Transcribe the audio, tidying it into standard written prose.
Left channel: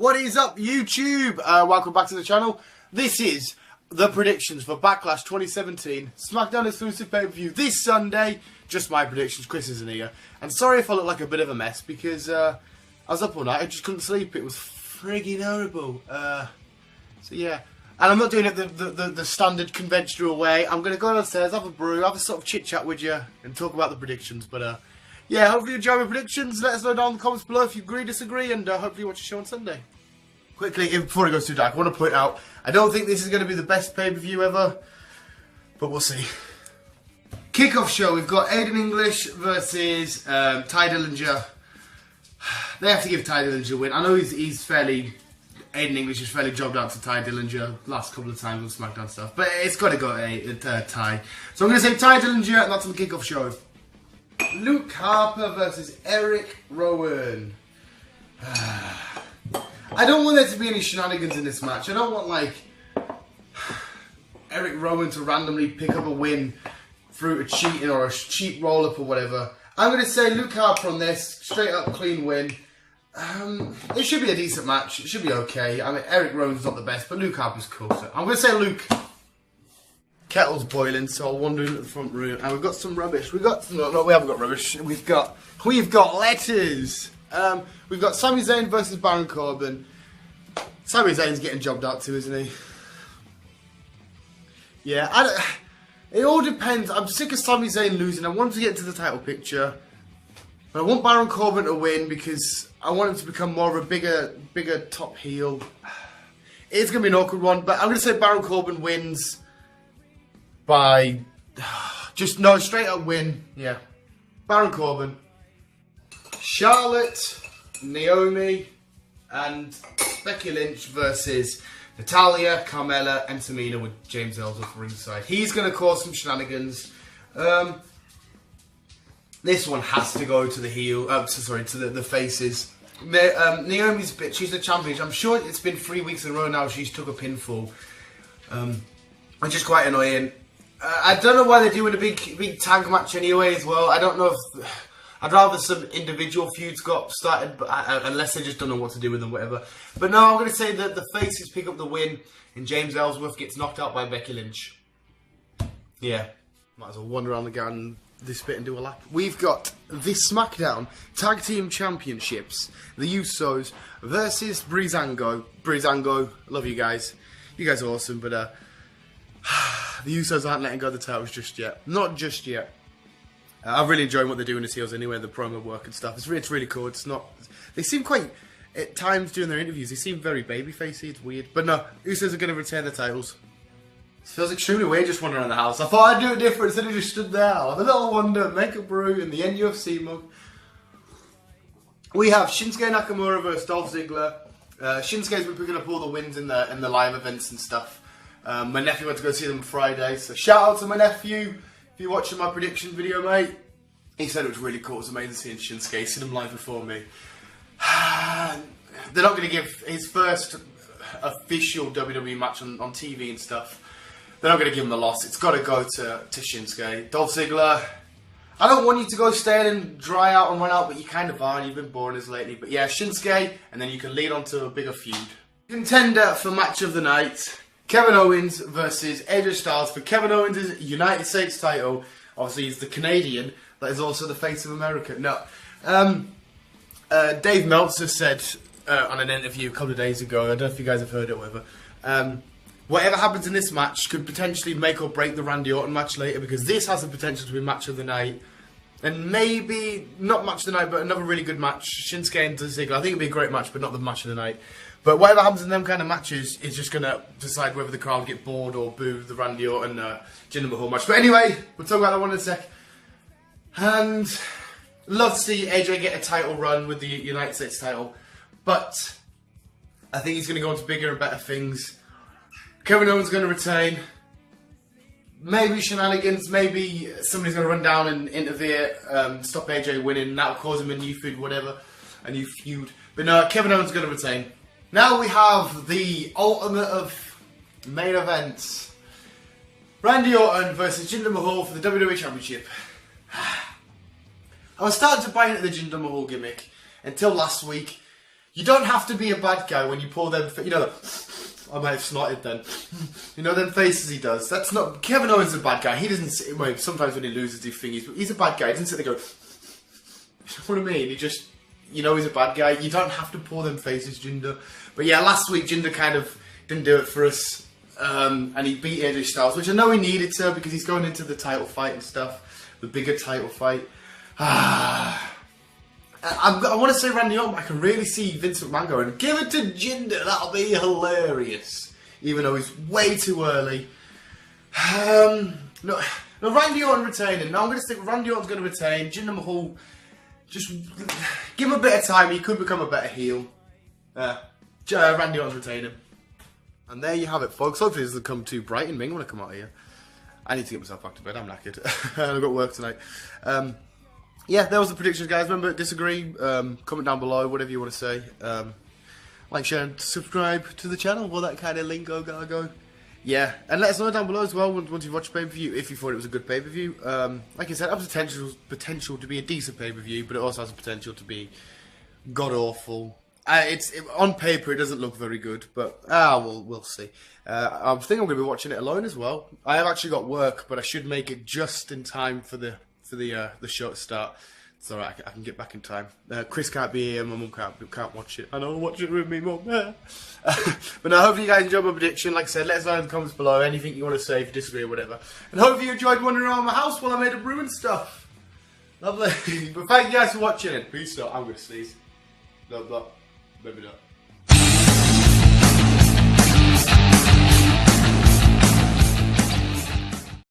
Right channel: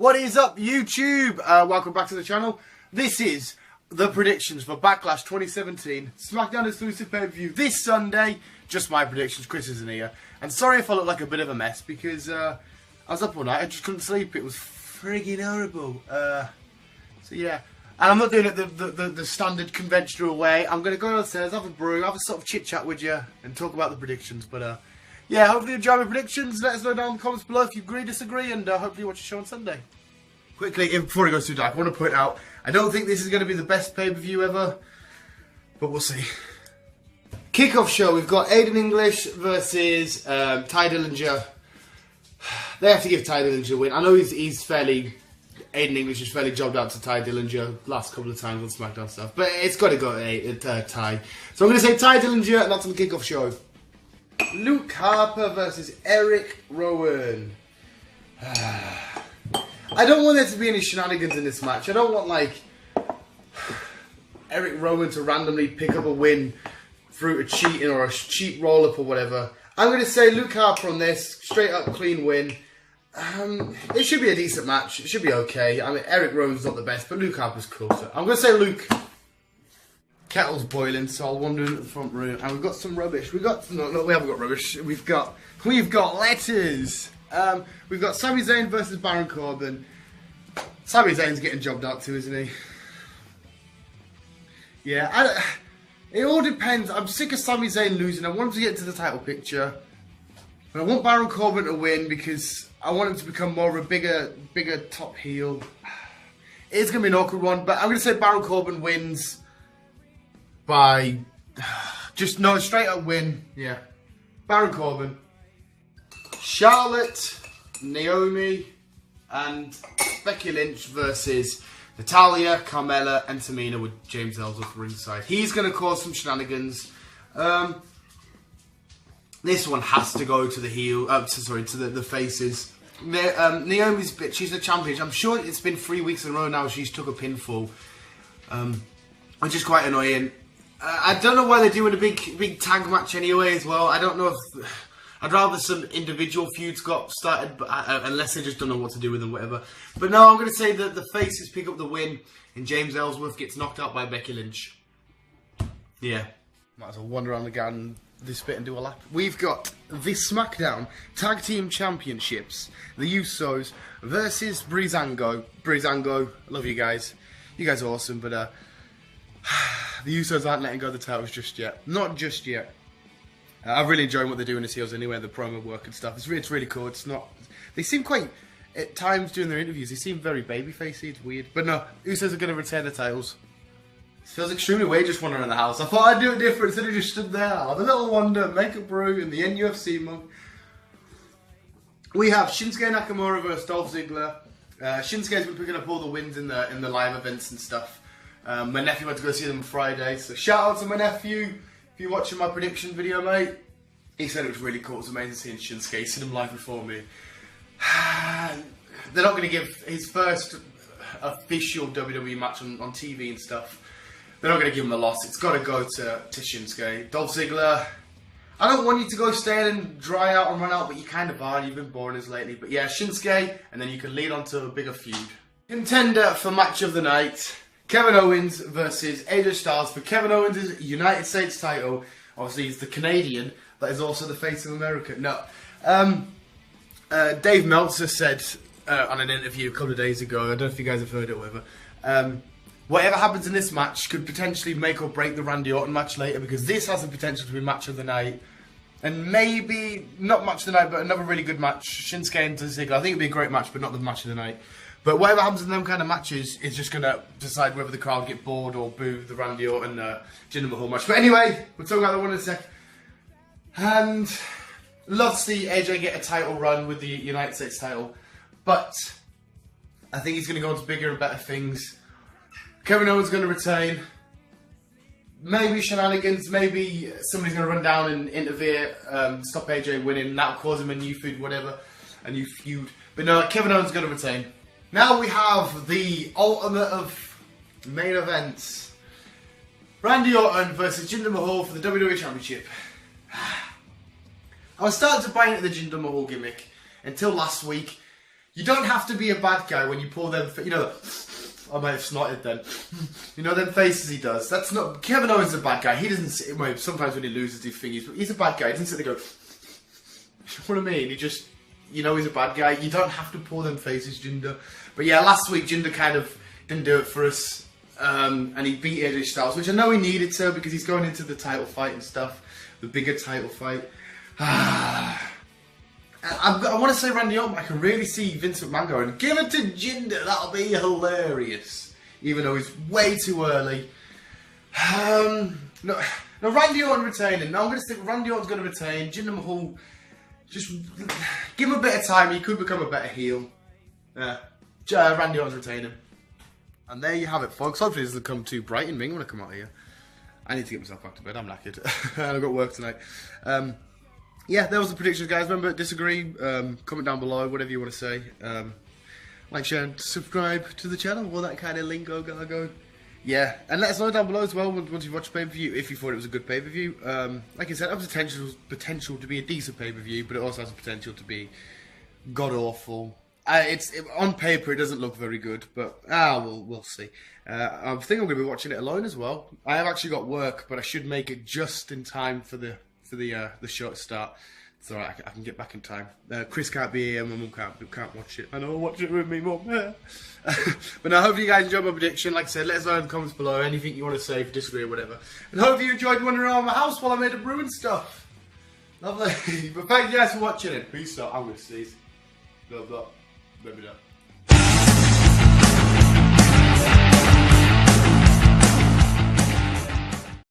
What is up, YouTube? Welcome back to the channel. This is the predictions for Backlash 2017 SmackDown exclusive pay-per-view this Sunday. Just my predictions, Chris isn't here. And sorry if I look like a bit of a mess because I was up all night, I just couldn't sleep. It was friggin' horrible. So yeah. And I'm not doing it the standard conventional way. I'm going to go downstairs, have a brew, have a sort of chit-chat with you and talk about the predictions. But yeah, hopefully you enjoy my predictions. Let us know down in the comments below if you agree, disagree, and hopefully you watch the show on Sunday. Quickly, before it goes too dark, I want to point out, I don't think this is going to be the best pay-per-view ever, but we'll see. Kickoff show, we've got Aiden English versus Ty Dillinger. They have to give Ty Dillinger a win. I know he's fairly... Aiden English is fairly jobbed out to Ty Dillinger last couple of times on SmackDown stuff, but it's got to go to Ty. So I'm going to say Ty Dillinger, and that's on the kickoff show. Luke Harper versus Eric Rowan. I don't want there to be any shenanigans in this match. I don't want, like, Eric Rowan to randomly pick up a win through a cheating or a cheap roll-up or whatever. I'm going to say Luke Harper on this. Straight up clean win. It should be a decent match. It should be okay. I mean, Eric Rowan's not the best, but Luke Harper's cool. So I'm going to say Luke. Kettle's boiling, so I'll wander into the front room. And we've got some rubbish. We haven't got rubbish. We've got letters. We've got Sami Zayn versus Baron Corbin. Sami Zayn's getting jobbed out too, isn't he? Yeah, it all depends. I'm sick of Sami Zayn losing. I want him to get into the title picture. But I want Baron Corbin to win because I want him to become more of a bigger top heel. It's going to be an awkward one, but I'm going to say Baron Corbin wins by... straight up win. Yeah. Baron Corbin. Charlotte, Naomi, and Becky Lynch versus Natalya, Carmella, and Tamina with James Ellsworth ringside. He's going to cause some shenanigans. This one has to go to the heel. To the faces. Naomi's she's the champion. I'm sure it's been 3 weeks in a row now. She's took a pinfall, which is quite annoying. I don't know why they're doing a big tag match anyway as well. I don't know if... I'd rather some individual feuds got started, but unless they just don't know what to do with them, whatever. But no, I'm going to say that the faces pick up the win, and James Ellsworth gets knocked out by Becky Lynch. Yeah. Might as well wander around the garden this bit and do a lap. We've got the SmackDown Tag Team Championships. The Usos versus Breezango. Breezango, love you guys. You guys are awesome, but the Usos aren't letting go of the titles just yet. Not just yet. I'm really enjoying what they're doing as heels anyway, the promo work and stuff. It's really cool. It's not... They seem quite... At times during their interviews, they seem very babyfacey. It's weird. But no, Usos are going to retain the titles. It feels extremely weird just wandering around the house. I thought I'd do it different instead of just stood there. Have a little wander, make a brew in the NUFC mug. We have Shinsuke Nakamura versus Dolph Ziggler. Shinsuke's been picking up all the wins in the live events and stuff. My nephew went to go see them Friday, so shout out to my nephew. If you're watching my prediction video, mate, he said it was really cool. It was amazing seeing Shinsuke. He's seen him live before me. They're not going to give his first official WWE match on TV and stuff. They're not going to give him the loss. It's got to go to Shinsuke. Dolph Ziggler, I don't want you to go stale and dry out and run out, but you kind of are. You've been boring us lately. But yeah, Shinsuke, and then you can lead on to a bigger feud. Contender for match of the night. Kevin Owens versus AJ Styles for Kevin Owens' United States title. Obviously, he's the Canadian that is also the face of America. No. Dave Meltzer said on an interview a couple of days ago, I don't know if you guys have heard it or whatever, whatever happens in this match could potentially make or break the Randy Orton match later because this has the potential to be match of the night. And maybe, not match of the night, but another really good match. Shinsuke and Ziggler. I think it'd be a great match, but not the match of the night. But whatever happens in them kind of matches is just going to decide whether the crowd get bored or boo the Randy Orton Jinder Mahal match. But anyway, we'll talk about that one in a sec. And love to see AJ get a title run with the United States title. But I think he's going to go on to bigger and better things. Kevin Owens going to retain. Maybe shenanigans, maybe somebody's going to run down and interfere, stop AJ winning. That'll cause him a new feud, whatever. A new feud. But no, Kevin Owens going to retain. Now we have the ultimate of main events. Randy Orton versus Jinder Mahal for the WWE Championship. I was starting to buy into the Jinder Mahal gimmick until last week. You don't have to be a bad guy when you pull them, you know, I might have snotted then. You know them faces he does? That's not, Kevin Owens is a bad guy. He doesn't, well, sometimes when he loses he thingies, but he's a bad guy. He doesn't sit there and go, you know what I mean? He just, you know he's a bad guy. You don't have to pull them faces, Jinder. But yeah, last week Jinder kind of didn't do it for us. And he beat AJ Styles, which I know he needed to because he's going into the title fight and stuff. The bigger title fight. I want to say Randy Orton, but I can really see Vince McMahon going, give it to Jinder, that'll be hilarious. Even though he's way too early. No, Randy Orton retaining. No, I'm going to stick with Randy Orton's going to retain. Jinder Mahal, just give him a bit of time. He could become a better heel. Randy Orton's retaining. And there you have it, folks. Hopefully this doesn't come too bright and Ming when I come out of here. I need to get myself back to bed. I'm knackered. I've got work tonight. Yeah, that was the predictions, guys. Remember, disagree, comment down below, whatever you want to say. Like, share, and subscribe to the channel, all that kind of lingo gargo. Yeah, and let us know down below as well once you've watched pay-per-view, if you thought it was a good pay-per-view. Like I said, it has potential to be a decent pay-per-view, but it also has the potential to be god-awful. On paper, it doesn't look very good, but we'll see. I think I'm going to be watching it alone as well. I have actually got work, but I should make it just in time for the show to start. It's alright, I can get back in time. Chris can't be here, my mum can't watch it. I know, watch it with me, mum. But no, hopefully you guys enjoyed my prediction. Like I said, let us know in the comments below anything you want to say, if you disagree or whatever. And hopefully you enjoyed wandering around my house while I made a brew and stuff. Lovely. But thank you guys for watching, and peace out. I'm going to sneeze. No, maybe not.